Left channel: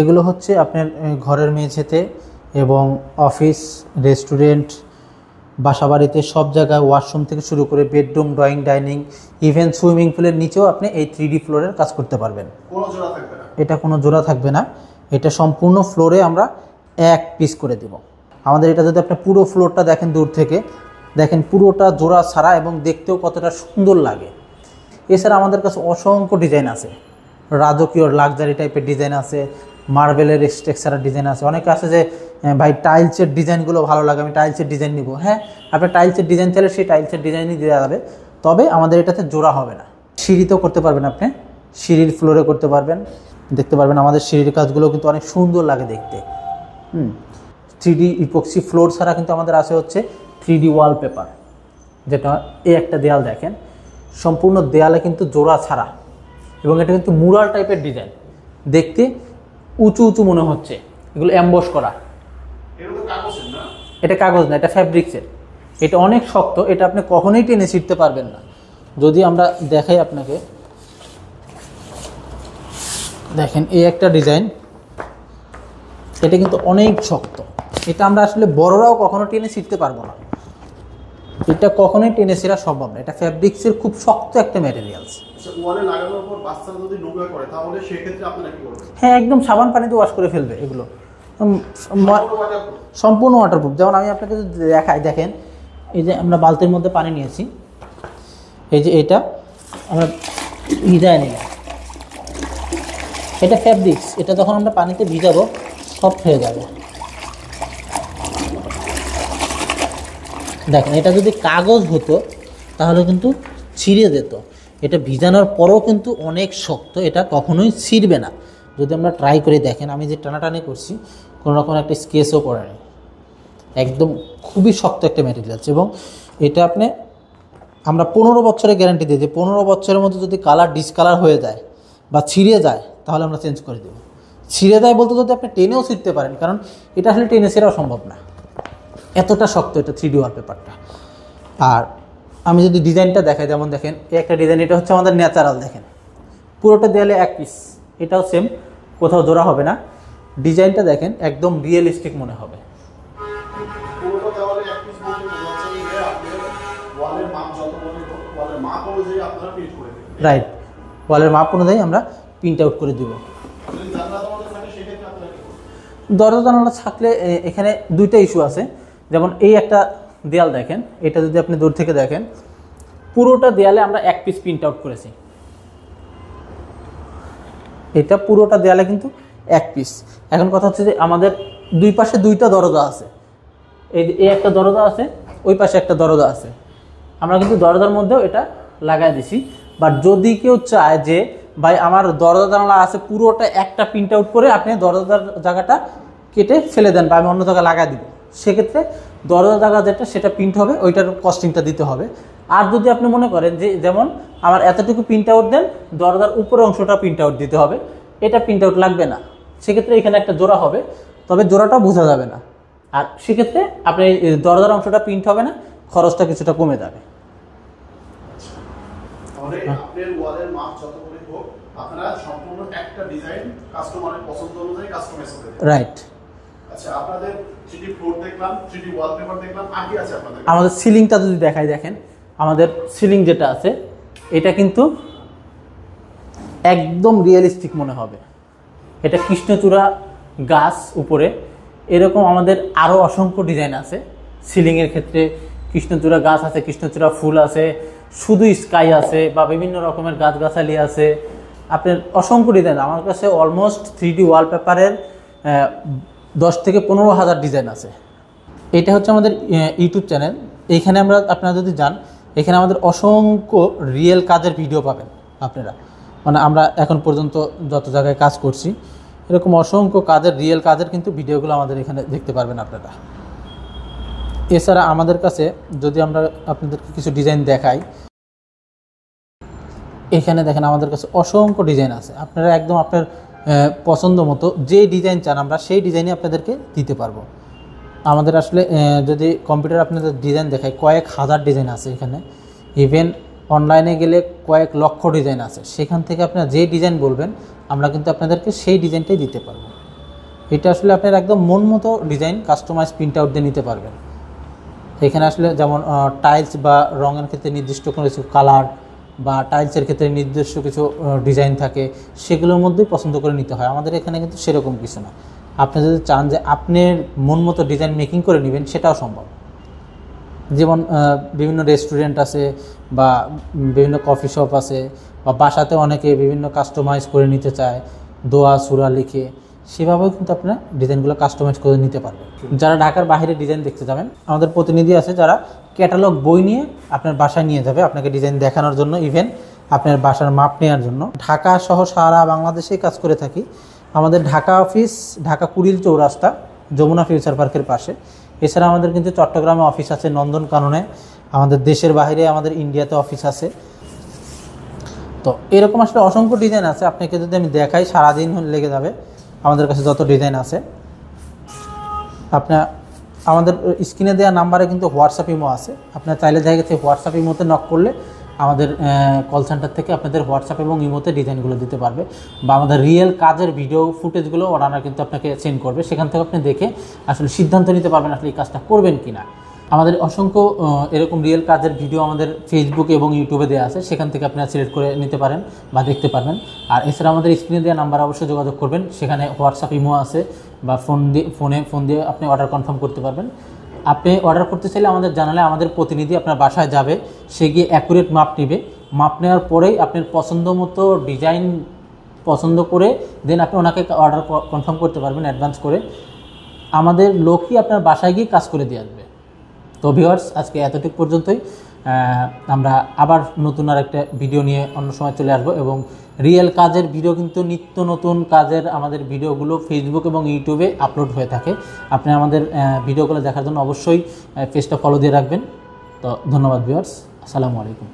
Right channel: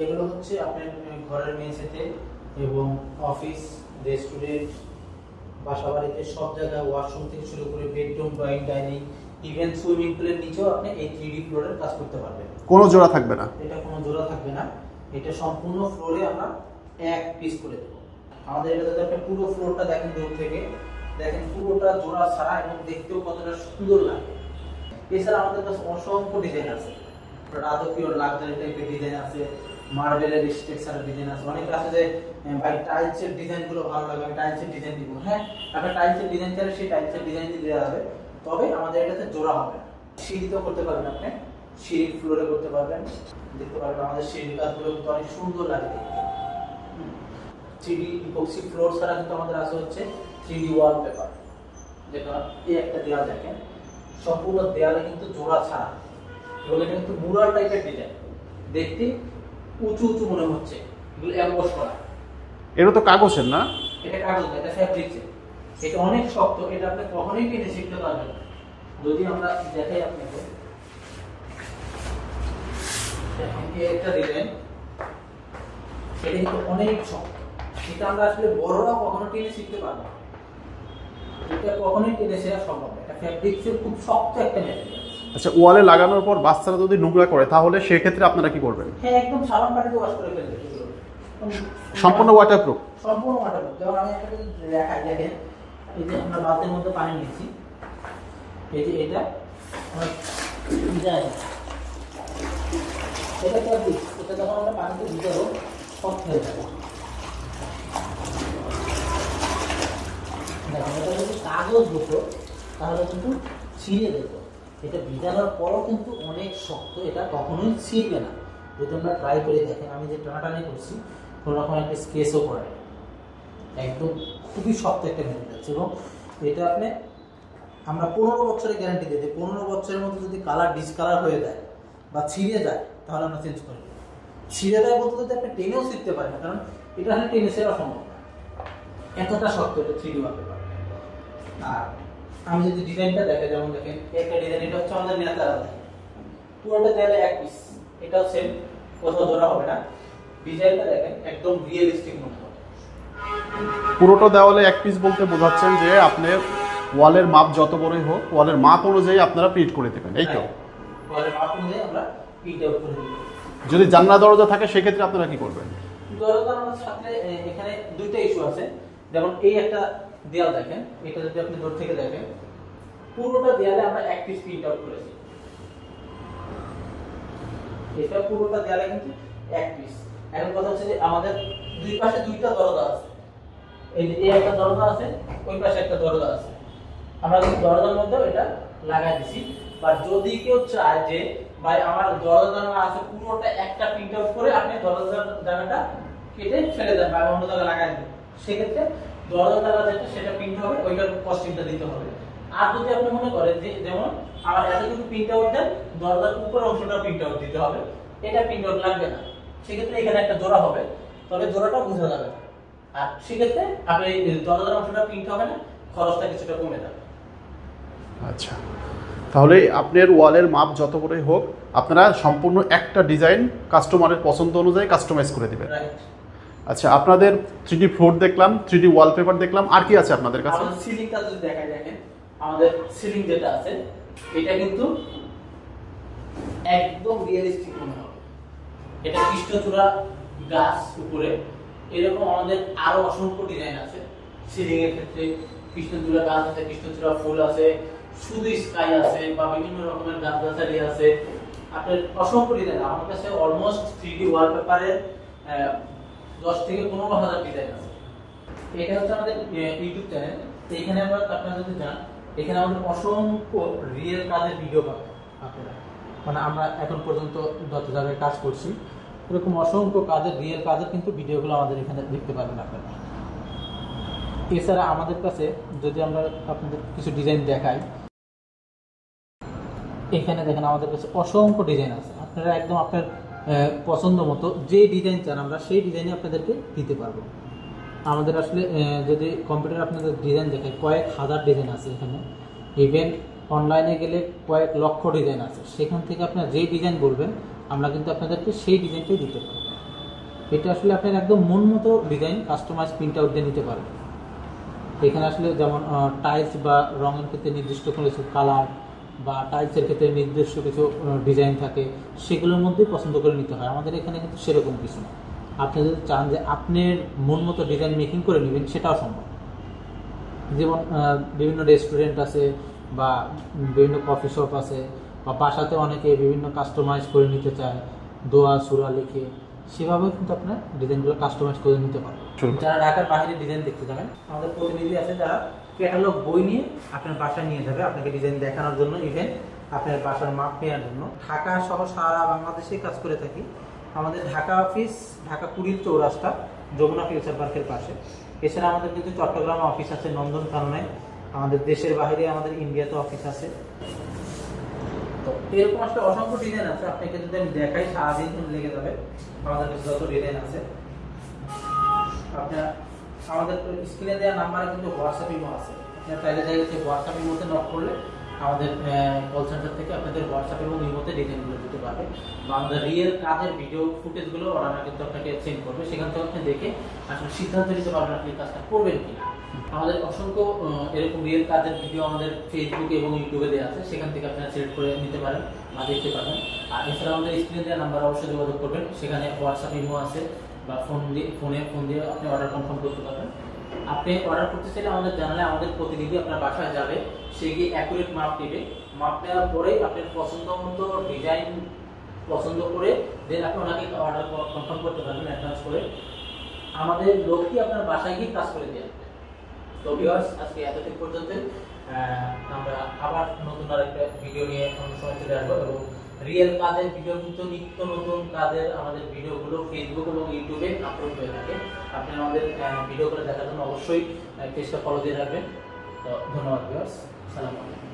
এগুলো হচ্ছে আপনার ঘরের মেঝেতে এবং অফিস, রেস্টুরেন্ট, বাসাবাড়িতে সব জায়গায়, ওয়াশরুম থেকে শুরু করে bedroom, drawing, dining, even swimming পুলের নিচেও আপনি এই 3D ফ্লোরের কাজ করতে পারবেন। কোনো জোড়া থাকবে না? এটা কোনো জোড়া থাকবে না, এটা সম্পূর্ণ ফ্লোরে আমরা এক পিস করে দেব। আমাদের এটা যদি আপনি পুরো ফ্লোরটা দেখেন দূর থেকে, দেখেন পুরোটা জোড়া ছাড়া এবং দেখতেও কতটা সুন্দর লাগে। এছাড়া আমাদের কাছে অসংখ্য ডিজাইন আছে, রাজকীয় লাক্সারি টাইপের ডিজাইন আছে, মার্বেলের স্ট্রাকচারের ডিজাইন আছে। অনেকে আছে যে ভাই টাইলসের ডিজাইনগুলো ভালো লাগে, আমি টাইলসের ডিজাইন নিব। হ্যাঁ, আপনি টাইলসের ডিজাইন চাইলে সেই টাইলসের ডিজাইনই দেওয়া যাবে, তবে আমাদের এটাতে জোড়া হবে না। সিঁড়িতেও করতে পারবেন, আপনি সিঁড়ির ফ্লোরে করতে পারবেন, দেখতে পারবেন আমাদের সিঁড়ির কাজগুলো কিন্তু অনেক সুন্দর লাগে দেখতে। 3D ইপক্সি ফ্লোর ছাড়া কিন্তু আমাদের আছে হচ্ছে 3D ওয়ালপেপার, যেটা এই একটা দেয়াল দেখেন, সম্পূর্ণ দেয়ালে কিন্তু জোড়া ছাড়া, এবং এটা কিন্তু মুরাল টাইপের ডিজাইন, দেখতে উঁচু উঁচু মনে হচ্ছে। এগুলো অ্যাম্বস করা। এটা তো কাগজের না? এটা কাগজ না, এটা ফ্যাব্রিক্সের। এটা অনেক শক্ত, এটা আপনি কখনোই টেনে ছিঁড়তে পারবেন না। যদি আমরা দেখাই আপনাকে, দেখেন এই একটা ডিজাইন, এটা কিন্তু অনেক শক্ত। এটা আমরা আসলে বড়রাও কখনো টেনে ছিঁড়তে পারবো না, এটা কখনোই টেনে ছিঁড়া সম্ভব না। এটা ফ্যাব্রিক্সের খুব শক্ত একটা ম্যাটেরিয়ালস। আচ্ছা, ওয়ালে লাগানোর পর বাচ্চারা যদি নোংরা করে তাহলে সেক্ষেত্রে আপনারা কি করবেন? হ্যাঁ, একদম সাবান পানিতে ওয়াশ করে ফেলবে এগুলো, সম্পূর্ণ ওয়াটারপ্রুফ। সম্পূর্ণ ওয়াটারপ্রুফ। যেমন আমি আপনাকে যদি দেখাই, দেখেন এই যে আমরা বালতির মধ্যে পানি নিয়েছি, এই যে এটা আমরা ভিজায় নিলাম, এটা ফ্যাব্রিক্স, এটা যখন আমরা পানিতে ভিজাবো সফট হয়ে যাবে। দেখেন এটা যদি কাগজ হতো তাহলে কিন্তু ছিঁড়ে যেত, এটা ভিজানোর পরেও কিন্তু অনেক শক্ত, এটা কখনোই ছিঁড়বে না। যদি আমরা ট্রাই করে দেখেন, আমি যে টানাটানি করছি কোনো রকম একটা স্কেচও করে না, একদম খুবই শক্ত একটা ম্যাটেরিয়ালস। এবং এটা আপনি আমরা 15 বছরের গ্যারান্টি দিই যে 15 বছরের মধ্যে যদি কালার ডিসকালার হয়ে যায় বা ছিঁড়ে যায় তাহলে আমরা চেঞ্জ করে দেবো। ছিঁড়ে যায় বলতে যদি আপনি টেনেও ছিঁড়তে পারেন, কারণ এটা আসলে টেনে ছেড়াও সম্ভব না, এতটা শক্ত এটা 3D ওয়ালপেপারটা। আর আমি যদি ডিজাইনটা দেখাই, যেমন দেখেন এই একটা ডিজাইন, এটা হচ্ছে আমাদের ন্যাচারাল। দেখেন পুরোটা দেয়ালে এক পিস, এটাও সেম, কোথাও জোড়া হবে না। ডিজাইনটা দেখেন একদম রিয়েলিস্টিক মনে হবে। পুরোটা দেওয়ালে এক পিস বলতে বোঝাচ্ছেন যে আপনার ওয়ালের মাপ যত বড়ই হোক, ওয়ালের মাপ অনুযায়ী আপনারা প্রিন্ট করে দেবেন। রাইট, ওয়ালের মাপ অনুযায়ী আমরা প্রিন্ট আউট করে দেব। যদি জানলা দরজা থাকে সেক্ষেত্রে আপনারা কি করবেন? দরজা জানালা থাকলে এখানে দুইটা ইস্যু আছে। যেমন এই একটা দেয়াল দেখেন, এটা যদি আপনি দূর থেকে দেখেন, পুরোটা দেয়ালে আমরা এক পিস প্রিন্ট আউট করেছি। এটা পুরোটা দেয়ালে কিন্তু এক পিস। এখন কথা হচ্ছে যে আমাদের দুই পাশে দুইটা দরজা আছে, এই যে একটা দরজা আছে, ওই পাশে একটা দরজা আছে, আমরা কিন্তু দরজার মধ্যেও এটা লাগাই দিছি। বাট যদি কেউ চায় যে ভাই আমার দরজা জানালা আছে, পুরোটা একটা প্রিন্ট আউট করে আপনি দরজার জায়গাটা কেটে ফেলে দেন বা আমি অন্য জায়গায় লাগাই দিব, সেক্ষেত্রে দরজা জায়গা যেটা সেটা প্রিন্ট হবে, ওইটার কস্টিংটা দিতে হবে। আর যদি আপনি মনে করেন যে যেমন আমার এতটুকু প্রিন্ট আউট দেন, দরজার উপরের অংশটা প্রিন্ট আউট দিতে হবে, এটা প্রিন্ট আউট লাগবে না, সেক্ষেত্রে এখানে একটা জোড়া হবে, তবে জোড়াটা বোঝা যাবে না। আর সেক্ষেত্রে আপনি দরজার অংশটা প্রিন্ট হবে না, খরচটা কিছুটা কমে যাবে। আচ্ছা, তাহলে আপনার ওয়ালের মাপ যত বড়ই হোক আপনারা সম্পূর্ণ একটা ডিজাইন কাস্টমারের পছন্দ অনুযায়ী কাস্টমাইজ করে দিবেন। রাইট। আচ্ছা, আপনাদের 3D ফ্লোর দেখলাম, 3D ওয়ালপেপার দেখলাম, আর কি আছে আপনাদের কাছে? আমাদের সিলিংটা যদি দেখাই, দেখেন আমাদের সিলিং যেটা আছে এটা কিন্তু একদম রিয়েলিস্টিক মনে হবে। এটা কৃষ্ণচূড়া গাছ উপরে, এরকম আমাদের আরও অসংখ্য ডিজাইন আছে সিলিংয়ের ক্ষেত্রে। কৃষ্ণচূড়া গাছ আছে, কৃষ্ণচূড়া ফুল আছে, শুধু স্কাই আছে, বা বিভিন্ন রকমের গাছগাছালি আছে, আপনার অসংখ্য ডিজাইন। আমার কাছে অলমোস্ট 3D ওয়ালপেপারের 10 থেকে 15,000 ডিজাইন আছে। এটা হচ্ছে আমাদের ইউটিউব চ্যানেল। এইখানে আমরা আপনারা যদি যান, এখানে আমাদের অসংখ্য রিয়েল কাজের ভিডিও পাবেন আপনারা। মানে আমরা এখন পর্যন্ত যত জায়গায় কাজ করছি, এরকম অসংখ্য কাজের রিয়েল কাজের কিন্তু ভিডিওগুলো আমাদের এখানে দেখতে পারবেন আপনারা। এছাড়া আমাদের কাছে যদি আমরা আপনাদের কিছু ডিজাইন দেখাই, এখানে দেখেন আমাদের কাছে অসংখ্য ডিজাইন আছে। আপনারা একদম আপনার পছন্দ মতো যে ডিজাইন চান আমরা সেই ডিজাইনই আপনাদেরকে দিতে পারবো। আমাদের আসলে যদি কম্পিউটার আপনাদের ডিজাইন দেখায়, কয়েক হাজার ডিজাইন আছে এখানে। ইভেন অনলাইনে গেলে কয়েক লক্ষ ডিজাইন আছে, সেখান থেকে আপনারা যে ডিজাইন বলবেন আমরা কিন্তু আপনাদেরকে সেই ডিজাইনটাই দিতে পারবো। এটা আসলে আপনার একদম মন মতো ডিজাইন কাস্টমাইজ প্রিন্ট আউট দিয়ে নিতে পারবেন। এখানে আসলে যেমন টাইলস বা রঙের ক্ষেত্রে নির্দিষ্ট কিছু কালার বা টাইলসের ক্ষেত্রে নির্দিষ্ট কিছু ডিজাইন থাকে, সেগুলোর মধ্যেই পছন্দ করে নিতে হয়। আমাদের এখানে কিন্তু সেরকম কিছু না। আপনি যদি চান যে আপনার মন মতো ডিজাইন মেকিং করে নেবেন, সেটাও সম্ভব। যেমন বিভিন্ন রেস্টুরেন্ট আছে বা বিভিন্ন কফি শপ আছে বা বাসাতে অনেকে বিভিন্ন কাস্টমাইজ করে নিতে চায়, দোয়া সুরা লিখে, সেভাবেও কিন্তু আপনার ডিজাইনগুলো কাস্টমাইজ করে নিতে পারবেন। যারা ঢাকার বাইরে ডিজাইন দেখতে যাবেন, আমাদের প্রতিনিধি আছে যারা ক্যাটালগ বই নিয়ে আপনার বাসায় নিয়ে যাবে আপনাকে ডিজাইন দেখানোর জন্য, ইভেন আপনার বাসার মাপ নেওয়ার জন্য। ঢাকা সহ সারা বাংলাদেশেই কাজ করে থাকি। আমাদের ঢাকা অফিস ঢাকা কুড়িল চৌরাস্তা, যমুনা ফিউচার পার্কের পাশে। এছাড়া আমাদের কিন্তু চট্টগ্রামে অফিস আছে, নন্দনকাননে, আমাদের দেশের বাইরে আমাদের ইন্ডিয়াতে অফিস আছে। তো এরকম আসলে অসংখ্য ডিজাইন আছে, আপনাকে যদি আমি দেখাই সারাদিন লেগে যাবে। আমাদের কাছে যত ডিজাইন আছে, আপনার আমাদের স্ক্রিনে দেওয়া নাম্বারে কিন্তু হোয়াটসঅ্যাপ ইমো আছে। আপনার চাইলে দেখা গেছে হোয়াটসঅ্যাপ ইমোতে নক করলে আমাদের কল সেন্টার থেকে আপনাদের হোয়াটসঅ্যাপ এবং ইমোতে ডিজাইনগুলো দিতে পারবে, বা আমাদের রিয়েল কাজের ভিডিও ফুটেজগুলো ওরা কিন্তু আপনাকে সেন্ড করবে। সেখান থেকে আপনি দেখে আসলে সিদ্ধান্ত নিতে পারবেন আসলে এই কাজটা করবেন কি না। আমাদের অসংখ্য এরকম রিয়েল কাজের ভিডিও আমাদের ফেসবুকে এবং ইউটিউবে দেওয়া আছে, সেখান থেকে আপনারা সিলেক্ট করে নিতে পারেন বা দেখতে পারবেন। আর এছাড়া আমাদের স্ক্রিনে দেওয়া নাম্বার অবশ্যই যোগাযোগ করবেন, সেখানে হোয়াটসঅ্যাপ ইমো আছে, বা ফোন দিয়ে আপনি অর্ডার কনফার্ম করতে পারবেন। আপনি অর্ডার করতে চাইলে আমাদের জানালে আমাদের প্রতিনিধি আপনার বাসায় যাবে, সে গিয়ে অ্যাকুরেট মাপ নেবে। মাপ নেওয়ার পরেই আপনার পছন্দ মতো ডিজাইন পছন্দ করে দেন আপনি ওনাকে অর্ডার কনফার্ম করতে পারবেন অ্যাডভান্স করে। আমাদের লোকই আপনার বাসায় গিয়ে কাজ করে দিয়ে আসবে। তো ভিউয়ার্স, আজকে এতটুকু পর্যন্তই। আমরা আবার নতুন আর একটা ভিডিও নিয়ে অন্য সময় চলে আসবো, এবং রিয়েল কাজের ভিডিও কিন্তু নিত্য নতুন কাজের আমাদের ভিডিওগুলো ফেসবুক এবং ইউটিউবে আপলোড হয়ে থাকে। আপনি আমাদের ভিডিওগুলো দেখার জন্য অবশ্যই পেজটা ফলো দিয়ে রাখবেন। তো ধন্যবাদ ভিউয়ার্স, আসসালামু আলাইকুম।